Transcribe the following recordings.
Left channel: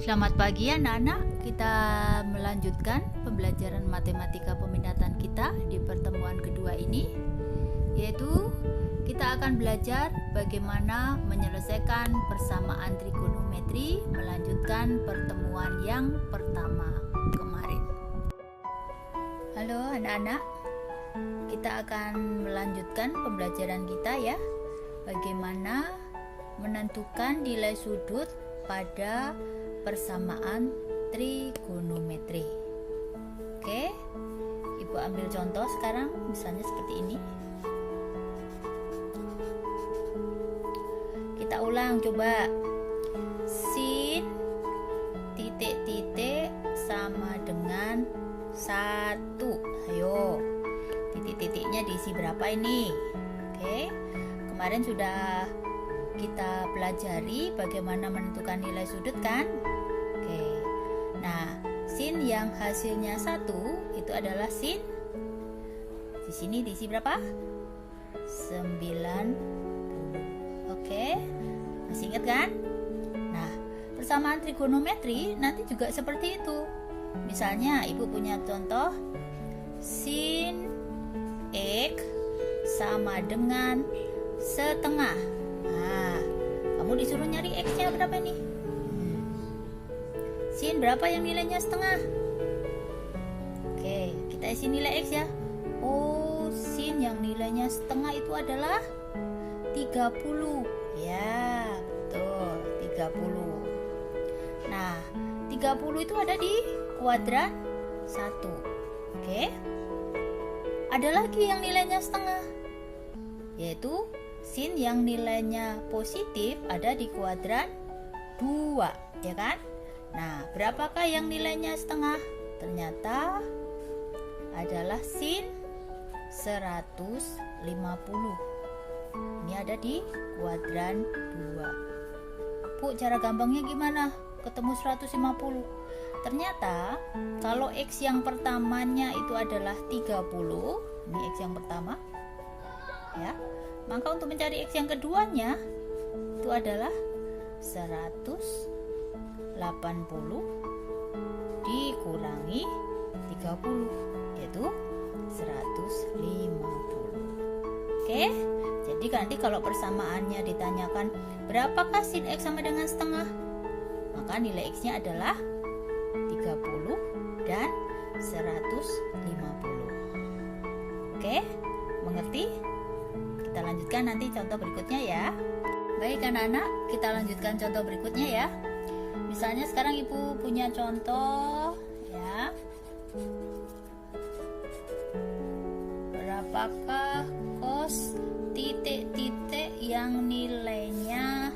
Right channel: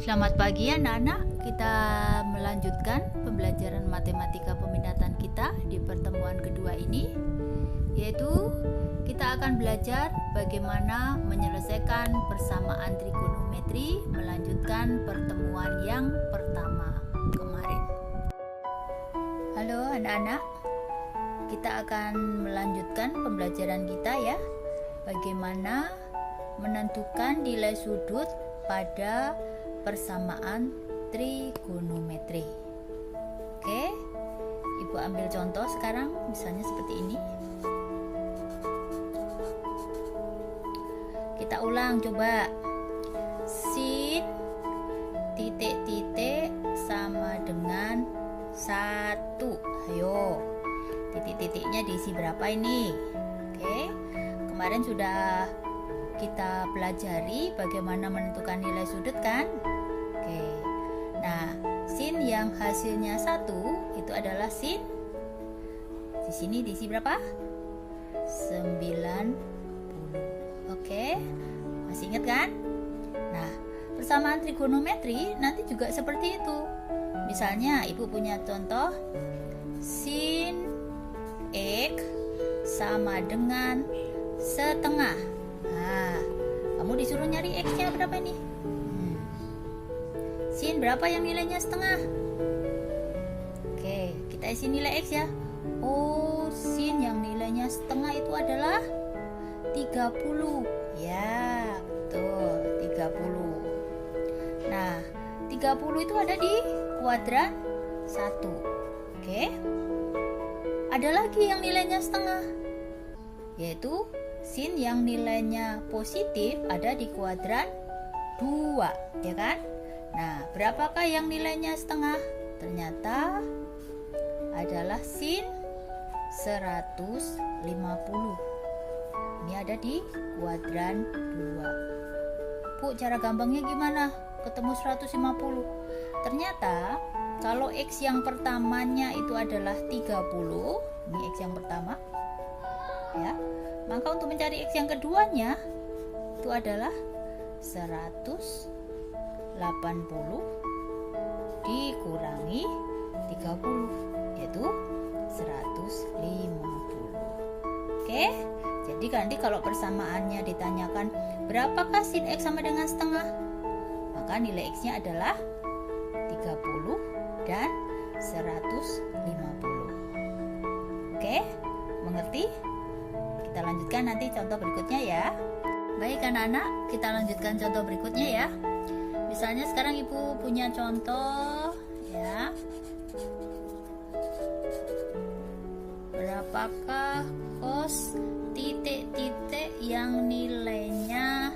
Selamat pagi anak-anak, kita melanjutkan pembelajaran matematika peminatan kita di pertemuan kedua ini, yaitu kita akan belajar bagaimana menyelesaikan persamaan trigonometri melanjutkan pertemuan yang pertama kemarin. Halo anak-anak, kita akan melanjutkan pembelajaran kita ya, bagaimana menentukan nilai sudut pada persamaan trigonometri. Oke, Ibu ambil contoh sekarang, misalnya seperti ini. Kita ulang coba. Sin titik-titik sama dengan 1. Ayo, titik-titiknya diisi berapa ini? Oke, kemarin sudah kita pelajari bagaimana menentukan nilai sudut kan? Oke. Nah, sin yang hasilnya 1 itu adalah sin. Di sini diisi berapa? 90. Oke. Masih ingat kan? Nah, persamaan trigonometri nanti juga seperti itu. Misalnya, Ibu punya contoh sin X sama dengan setengah. Nah, kamu disuruh nyari X-nya berapa nih? Sin berapa yang nilainya setengah? Oke, kita isi nilai X ya. Oh, sin yang nilainya setengah itu adalah 30. Ya, betul, 30. Nah, 30 itu ada di kuadran 1. Oke. Ada lagi yang nilainya setengah, yaitu sin yang nilainya positif ada di kuadran 2, ya kan? Nah, berapakah yang nilainya setengah? Ternyata adalah sin 150. Ini ada di kuadran 2. Bu, cara gampangnya gimana? Ketemu 150. Ternyata kalau X yang pertamanya itu adalah 30, ini X yang pertama, ya. Maka untuk mencari X yang keduanya itu adalah 180 dikurangi 30, yaitu 150. Oke, jadi nanti kalau persamaannya ditanyakan berapakah sin X sama dengan setengah, maka nilai X-nya adalah 30 dan 150. Oke, mengerti? Kita lanjutkan nanti contoh berikutnya ya. Baik anak-anak, kita lanjutkan contoh berikutnya ya. Misalnya sekarang Ibu punya contoh ya. Berapakah cos titik-titik yang nilainya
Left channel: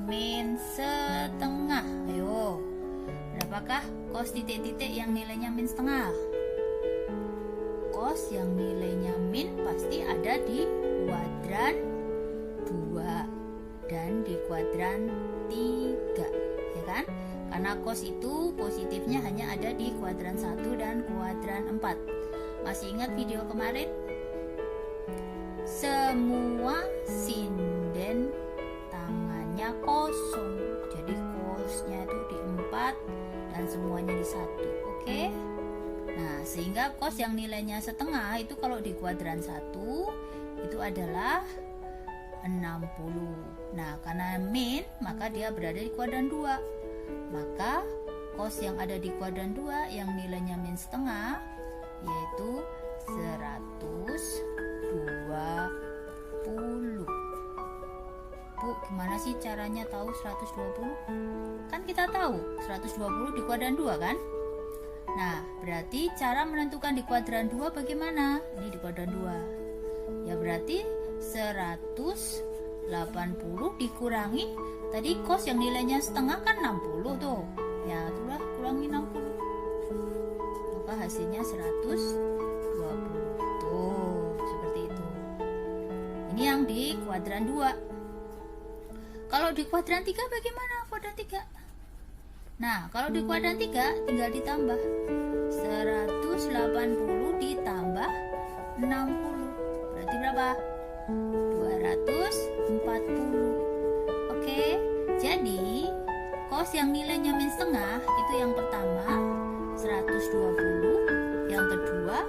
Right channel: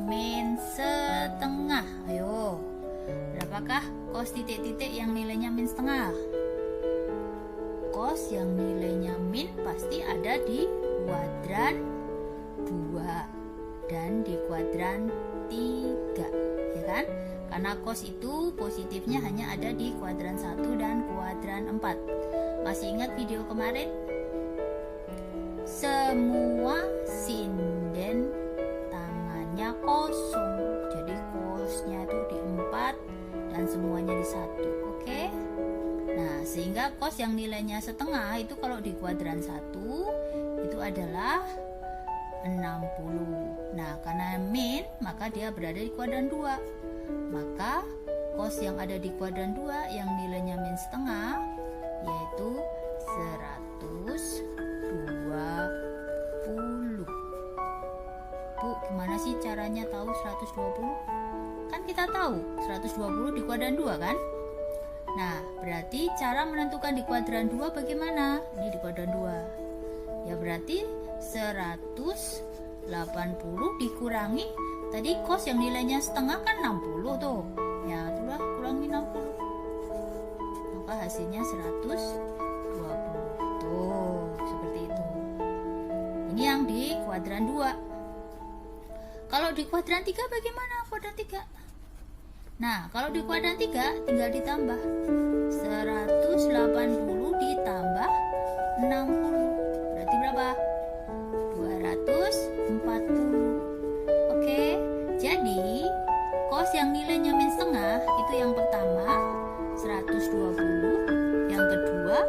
min setengah? Ayo, berapakah cos titik-titik yang nilainya min setengah? Cos yang nilainya min pasti ada di kuadran 2 dan di kuadran 3, ya kan? Karena cos itu positifnya hanya ada di kuadran 1 dan kuadran 4. Masih ingat video kemarin? Semua sinden tangannya kosong. Jadi cosnya itu di 4 dan semuanya di 1. Oke? Nah, sehingga cos yang nilainya setengah itu kalau di kuadran 1 itu adalah 60. Nah, karena min maka dia berada di kuadran 2. Maka cos yang ada di kuadran 2 yang nilainya min setengah yaitu 120. Bu, gimana sih caranya tahu 120? Kan kita tahu 120 di kuadran 2 kan? Nah, berarti cara menentukan di kuadran 2 bagaimana? Ini di kuadran 2. Ya berarti 180 dikurangi tadi cos yang nilainya setengah kan 60 tuh. Ya, itulah kurangi 60. Maka hasilnya 120. Tuh, seperti itu. Ini yang di kuadran 2. Kalau di kuadran 3 bagaimana kuadran 3? Nah, kalau di kuadran 3 tinggal ditambah 180 ditambah 60. Berarti berapa? 240. Oke, jadi Cos yang nilainya min setengah itu yang pertama 120, yang kedua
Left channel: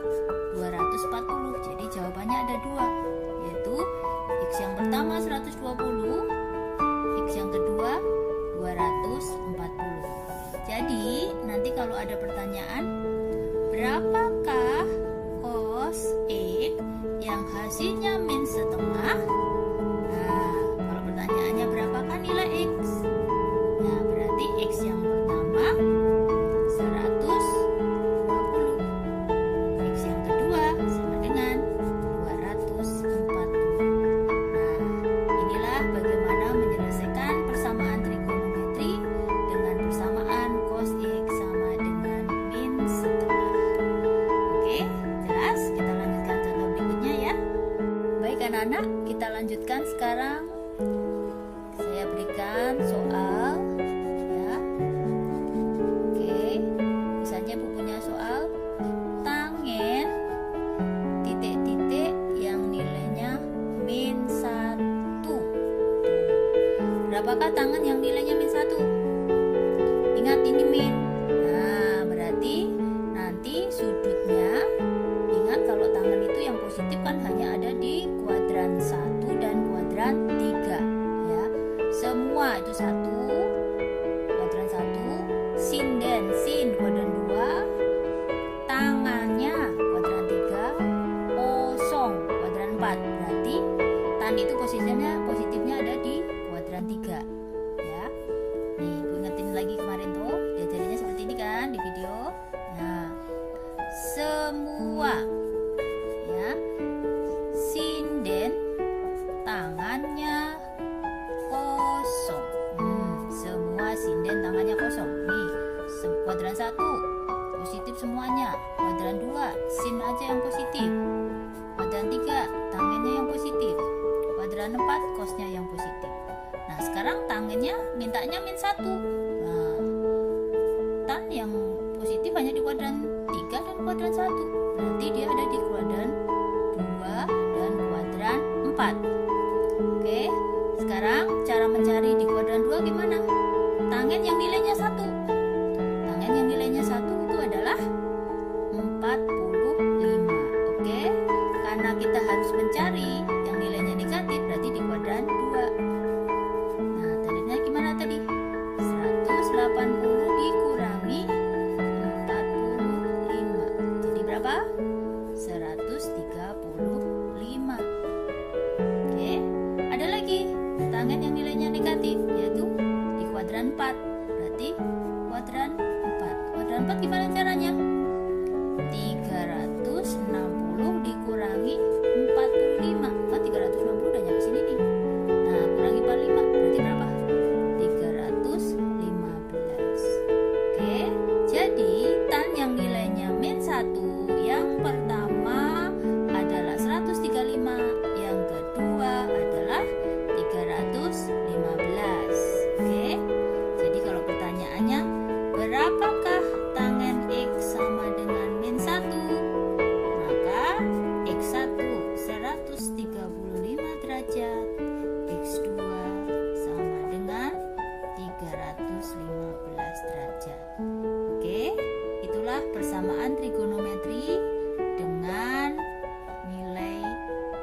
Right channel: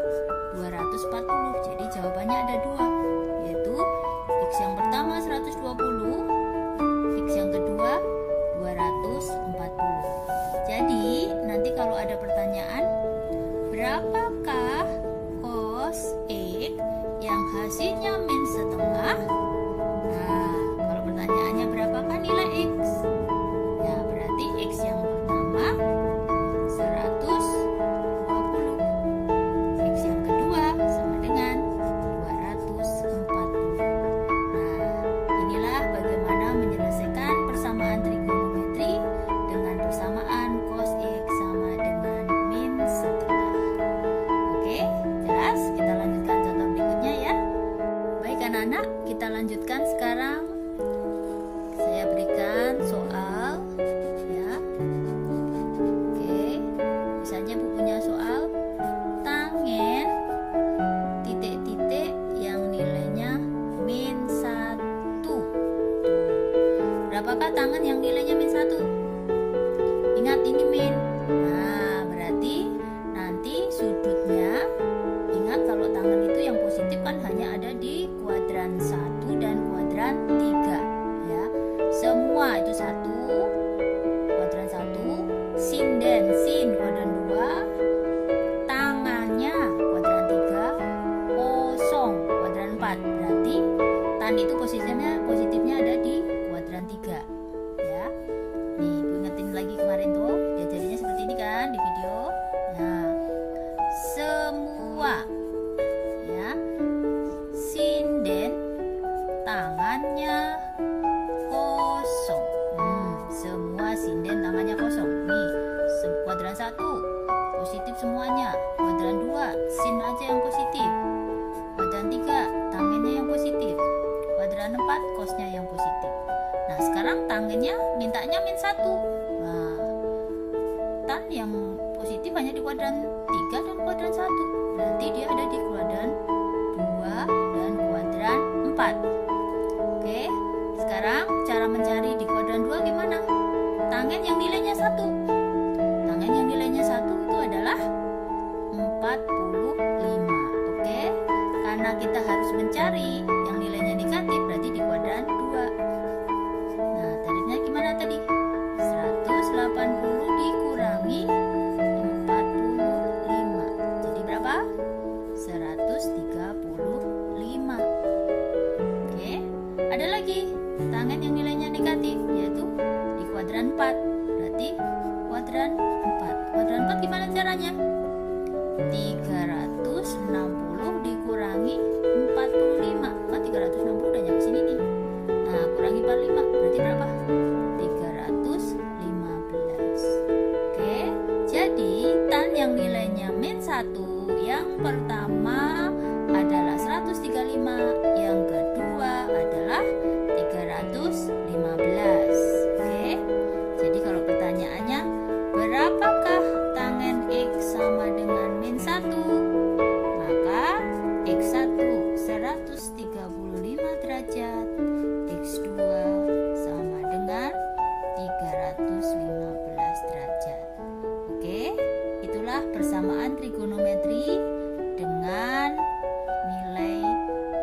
240. Jadi jawabannya ada dua, yaitu X yang pertama 120, X yang kedua 240. Jadi nanti kalau ada pertanyaan, berapakah cos X yang hasilnya min setengah? Nah, kalau pertanyaannya berapakah nilai X? Nah, berarti X yang pertama 120, X yang kedua sama dengan 240. Nah, inilah bagaimana menyelesaikan persamaan trigonometri dengan persamaan cos X sama dengan min setengah. Oke, jelas? Kita lanjutkan contoh berikutnya ya. Baik anak-anak, kita lanjutkan sekarang. Saya berikan soal ya. Oke, misalnya Bu punya soal tangen titik-titik yang nilainya min 1. Berapakah tangen yang nilainya min 1? Ingat ini min. Nah, berarti nanti sudutnya, ingat kalau tangen itu yang positif kan hanya ada di kuadran 1 dan kuadran 3 ya. Semua itu 1, kuadran 1, sinden, sin kuadran 2, tangannya kuadran 3, kosong kuadran 4. Berarti tan itu positifnya ada di kuadran 3 ya. Nih, Bu ingetin lagi kemarin tuh, diajarinya seperti ini kan di video. Nah, semua ya, sinden tangannya kosong. Semua sinden tangannya kosong. Nih, kuadran 1 positif semuanya. Kuadran 2 sin aja yang positif. Kuadran 3 tangannya yang positif. Kuadran 4 kosnya yang positif. Nah, sekarang tangannya mintanya min 1. Nah, tan yang positif hanya di kuadran 3 dan kuadran 1. Berarti dia ada di kuadran 2 dan kuadran 4. Oke, sekarang cara mencari di kuadran 2 gimana? Tangen yang nilainya 1. Tangen yang nilainya 1 itu adalah 45. Oke, karena kita harus mencari yang nilainya negatif, berarti di kuadran 2. Nah, tarifnya gimana tadi? 180 dikurangi 45. Jadi berapa? 135. Oke, ada lagi tangen yang nilainya negatif, yaitu di kuadran 4. Berarti kuadran 4. Kuadran 4 gimana caranya? 360 dikurangi 45. Kan 360 udah nyampe sini nih. Nah, kurangi 45 berarti berapa? 315. Oke, jadi tan yang nilainya min 1 yang pertama adalah 135, yang kedua adalah 315. Oke, jadi kalau pertanyaannya berapakah tangen X sama dengan min 1? Maka X1 135 derajat, X2 sama dengan 315 derajat. Oke, itulah persamaan trigonometri dengan nilai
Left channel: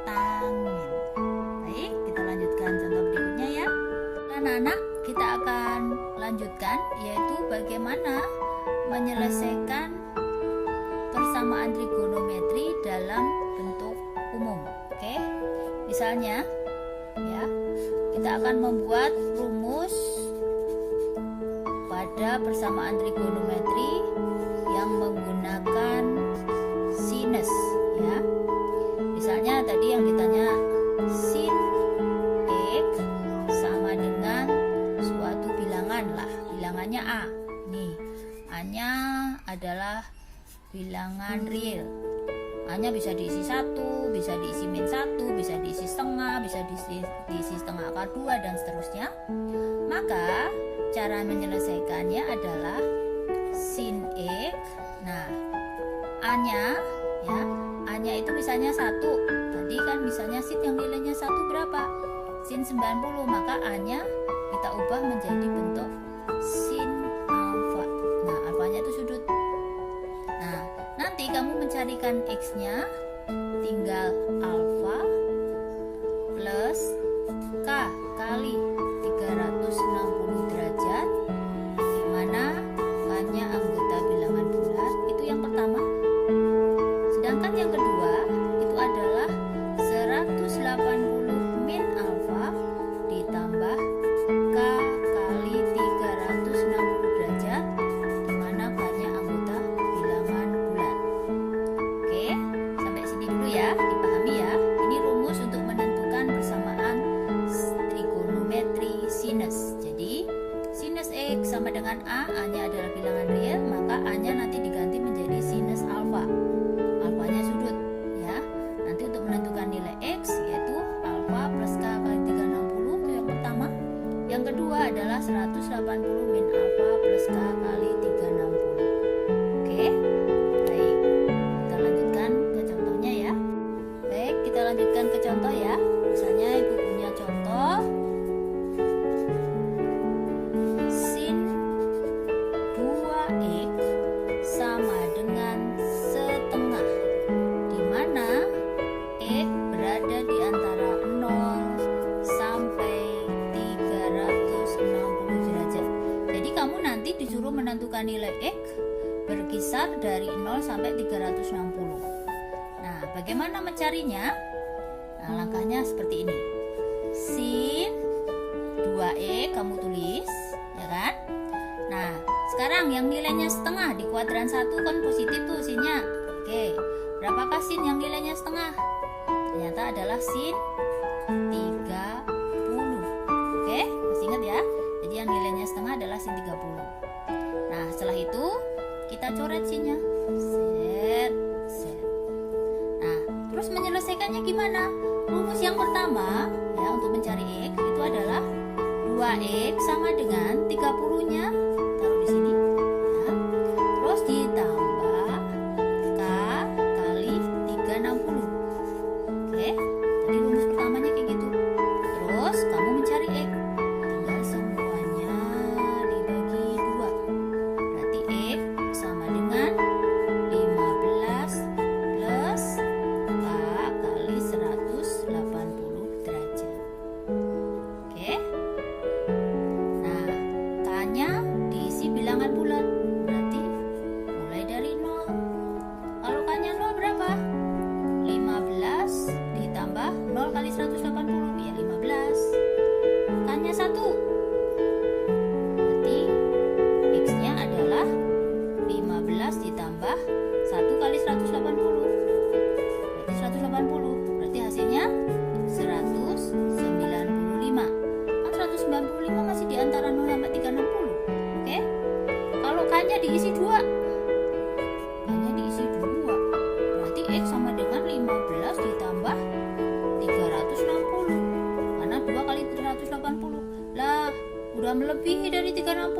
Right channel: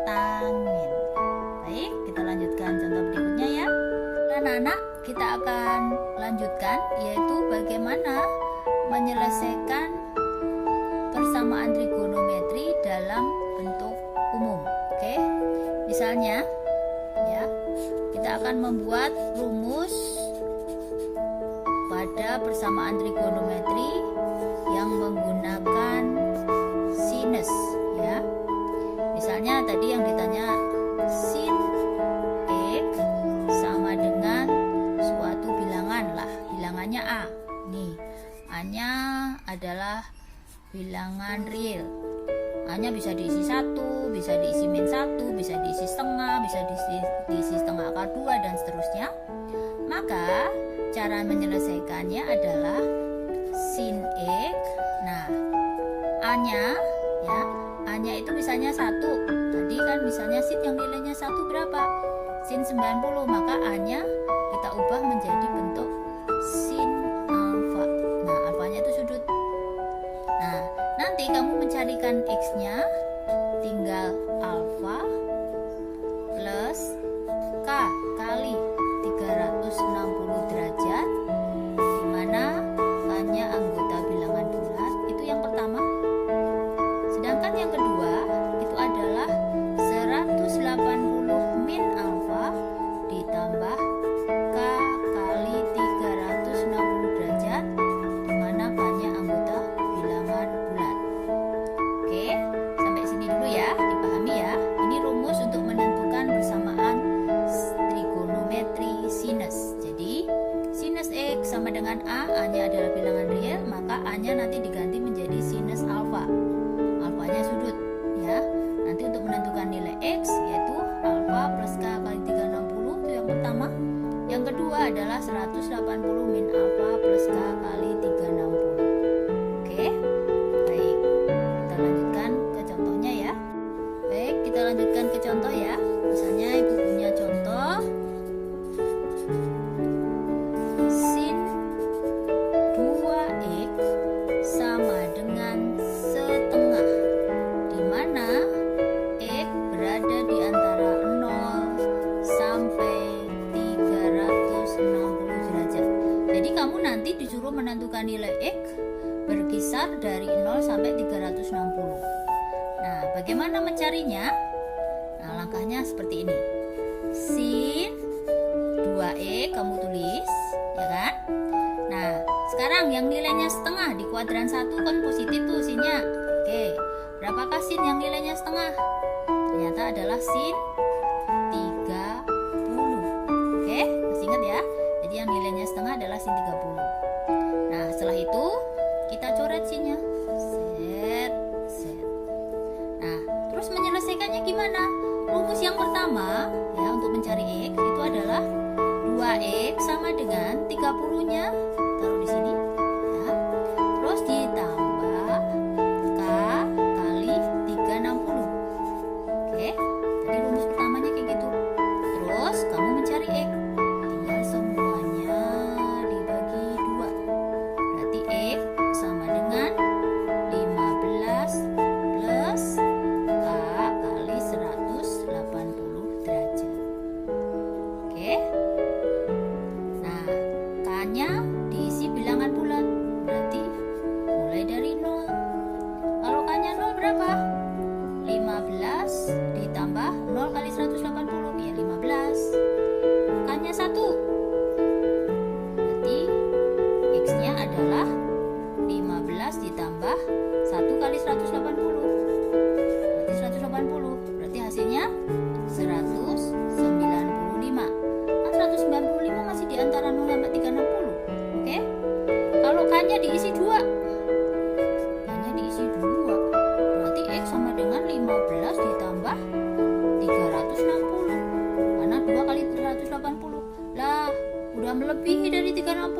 tangen. Baik, kita lanjutkan contoh berikutnya ya. Anak-anak, kita akan lanjutkan, yaitu bagaimana menyelesaikan persamaan trigonometri dalam bentuk umum. Oke, misalnya ya, kita akan membuat rumus pada persamaan trigonometri yang menggunakan sinus ya. Misalnya tadi yang ditanya sin X sama dengan suatu bilangan lah, bilangannya A. Nih, A-nya adalah bilangan real. A-nya bisa diisi 1, bisa diisi min 1, bisa diisi setengah, bisa diisi setengah akar 2 dan seterusnya. Maka cara menyelesaikannya adalah sin X. Nah, A-nya ya, A-nya itu misalnya 1. Tadi kan misalnya sin yang nilainya 1 berapa? Sin 90, maka A-nya kita ubah menjadi bentuk sin alfa. Nah, alfanya itu sudut. Nah, nanti kamu mencarikan x-nya, tinggal alfa plus k kali 360 derajat, di mana k-nya anggota bilangan bulat, itu yang pertama. Sedangkan yang kedua itu adalah 180 min alfa ditambah k kali 360 derajat, di mana k-nya anggota bilangan bulat. Oke, sampai sini dulu ya, dipahami ya. Ini rumus untuk menentukan persamaan trigonometri sinus. Jadi sinus x sama dengan a-nya adalah bilangan real, maka a-nya nanti diganti menjadi sinus alfa. Alfanya sudut ya. Nanti untuk menentukan nilai x yaitu alfa plus k kali 360, itu yang pertama. Yang kedua adalah 180 min alfa plus k kali 360. Oke, baik, kita lanjutkan ke contohnya ya. Baik, kita lanjutkan ke contoh ya. Misalnya ibu punya contoh sin 2x sama dengan setengah, di mana x berada di antara 0 sampai 360 derajat. Jadi kamu nanti disuruh menentukan nilai x berkisar dari 0 sampai 360. Nah, bagaimana mencarinya? Nah, langkahnya seperti ini. Sin 2x kamu tulis, ya kan? Nah, sekarang yang nilainya setengah di kuadran 1 kan positif tuh sinnya. Oke, berapakah sin yang nilainya setengah? Ternyata adalah sin 30. Oke, masih ingat ya? Jadi yang nilainya setengah adalah sin 30. Nah, setelah itu kita coret sinnya. Set, set. Nah, terus menyelesaikannya gimana? Rumus yang pertama ya untuk mencari x itu adalah 2x sama dengan 30-nya taruh di sini ya. Terus ditambah k kali 360. Oke, tadi rumus pertamanya kayak gitu. Terus kamu mencari x, tinggal semuanya dibagi 2. Berarti x sama dengan 15 plus k kali 180 derajat. Oke. Nah, k-nya diisi bilangan bulat. Berarti mulai dari 0. Kalau k-nya 0 berapa? 15 ditambah 0 kali 180 ya 15. K-nya 1. Berarti x-nya adalah 15 ditambah 1 kali 180. Berarti 180. Berarti hasilnya 195. Kan 195 masih di antara 0 sampai 360. Oke? Kalau k-nya diisi 2. K-nya diisi 2. Berarti x sama dengan 15 ditambah 360. Karena 2 kali 380. Lah, udah melebihi dari 360.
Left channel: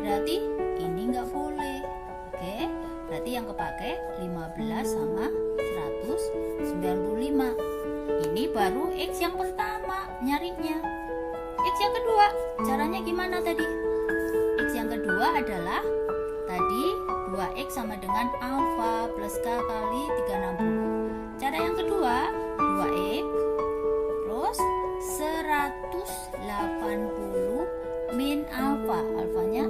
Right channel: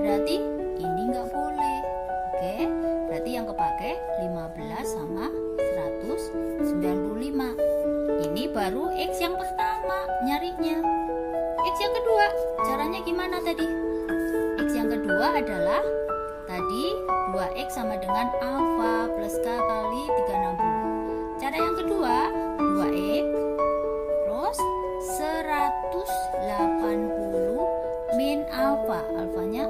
Berarti ini nggak boleh. Oke? Berarti yang kepake 15 sama 195. Ini baru x yang pertama nyarinya. X yang kedua, caranya gimana tadi? X yang kedua adalah tadi 2x sama dengan alfa plus k kali 360. Cara yang kedua, 2x terus 180 min alfa, alfanya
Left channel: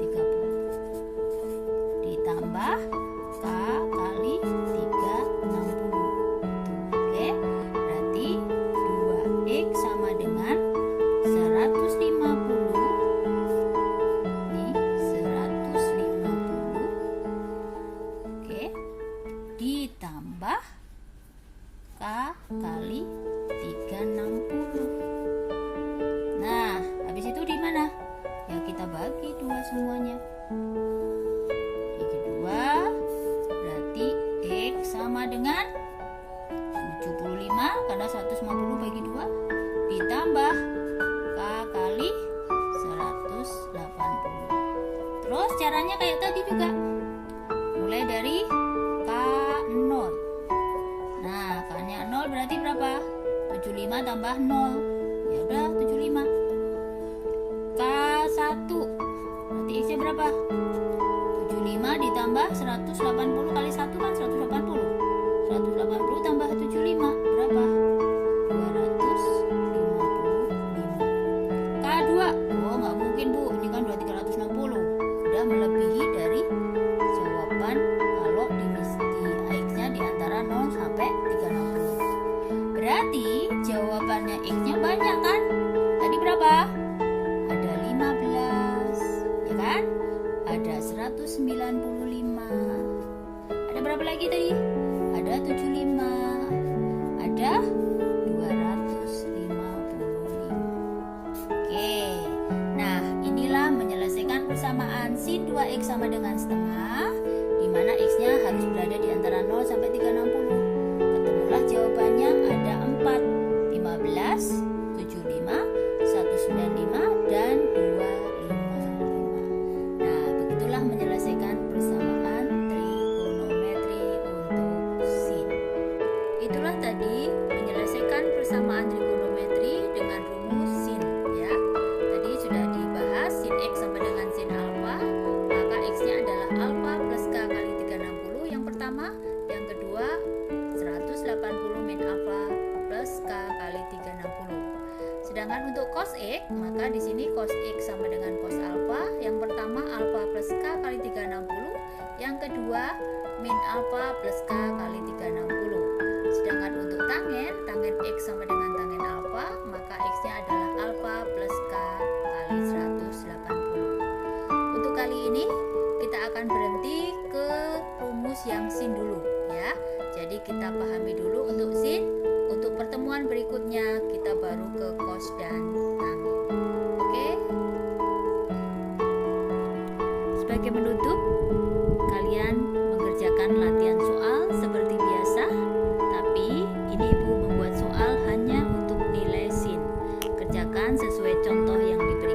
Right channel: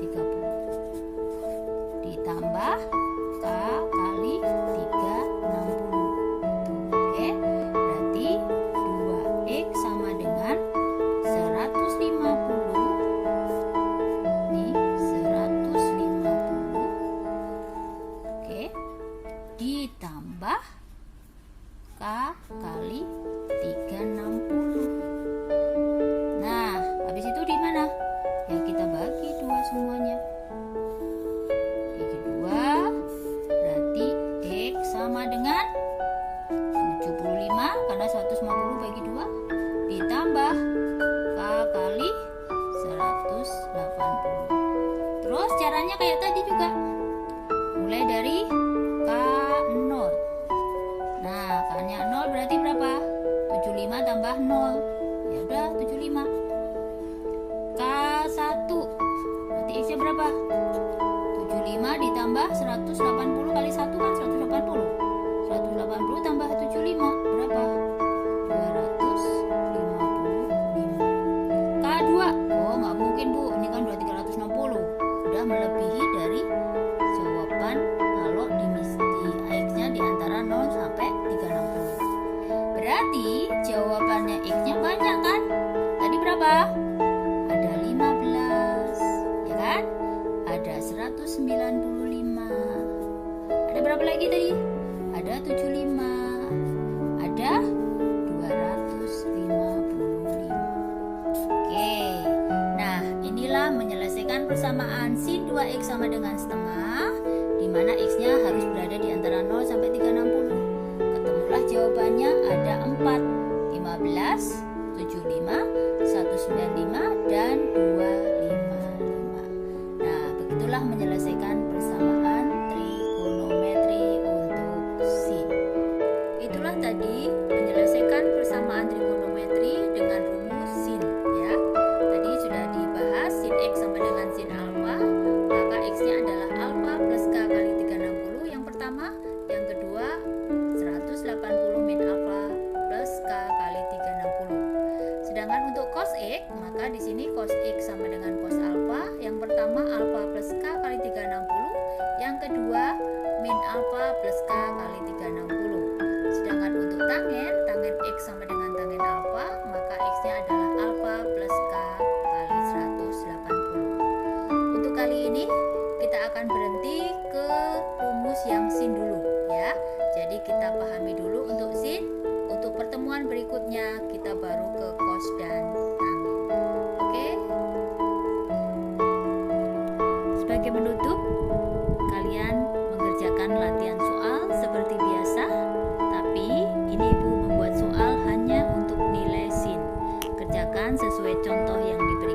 30 ditambah k kali 360. Oke, berarti 2x sama dengan 150. Nih, 150. Oke, ditambah k kali 360. Nah, habis itu di mana? Ya kita bagi 2 semuanya. Bagi 2, berarti x sama dengan 75 karena 150 bagi 2 ditambah k kali 180. Terus caranya kayak tadi juga. Mulai dari k 0. Nah, k-nya 0 berarti berapa? 75 tambah 0. Ya udah 75. K1 X nya berapa? 75 ditambah 180 kali 1 kan 180. 180 tambah 75 berapa? 255. K2. Oh, nggak mungkin, Bu. Ini kan 2360. Udah melebihi dari jawaban kalau di X-nya di antara 0 sampai 360. Berarti jawabannya X-nya banyak kan? Tadi berapa? Ada 15, ya kan? Ada 195. Ada berapa lagi tadi? Ada 75. Ada 255. Oke. Nah, inilah menyelesaikan persamaan sin 2x sama dengan setengah, di mana x-nya harus berada di antara 0 sampai 360. Ketemulah jawabannya ada 4, 15, 75, 195 dan 255. Nah, begitulah menyelesaikan persamaan trigonometri untuk sin. Itulah tadi menyelesaikan persamaan trigonometri dengan rumus sin, ya. Tadi sudah dibahas sin x sama dengan sin alfa, maka x-nya adalah alfa plus k kali 360 yang pertama, yang kedua 180 min alfa plus k kali 360. Sedangkan untuk cos x, maka di sini cos x sama dengan cos alfa. Yang pertama alfa plus k kali 360, yang kedua min alfa plus k kali 360. Sedangkan untuk tangen x sama dengan tangen alfa, maka x-nya adalah alfa plus k kali 180. Untuk kali ini kita akan berhenti ke rumus yang sin dulu, ya. Jadi kita pahami dulu untuk sin. Untuk pertemuan berikutnya kita baru ke cos dan tangen. Oke? Sebagai penutup, kalian mengerjakan latihan soal seperti biasa, tapi ini Ibu membuat soal hanya untuk nilai sin. Kerjakan sesuai contoh yang diberikan.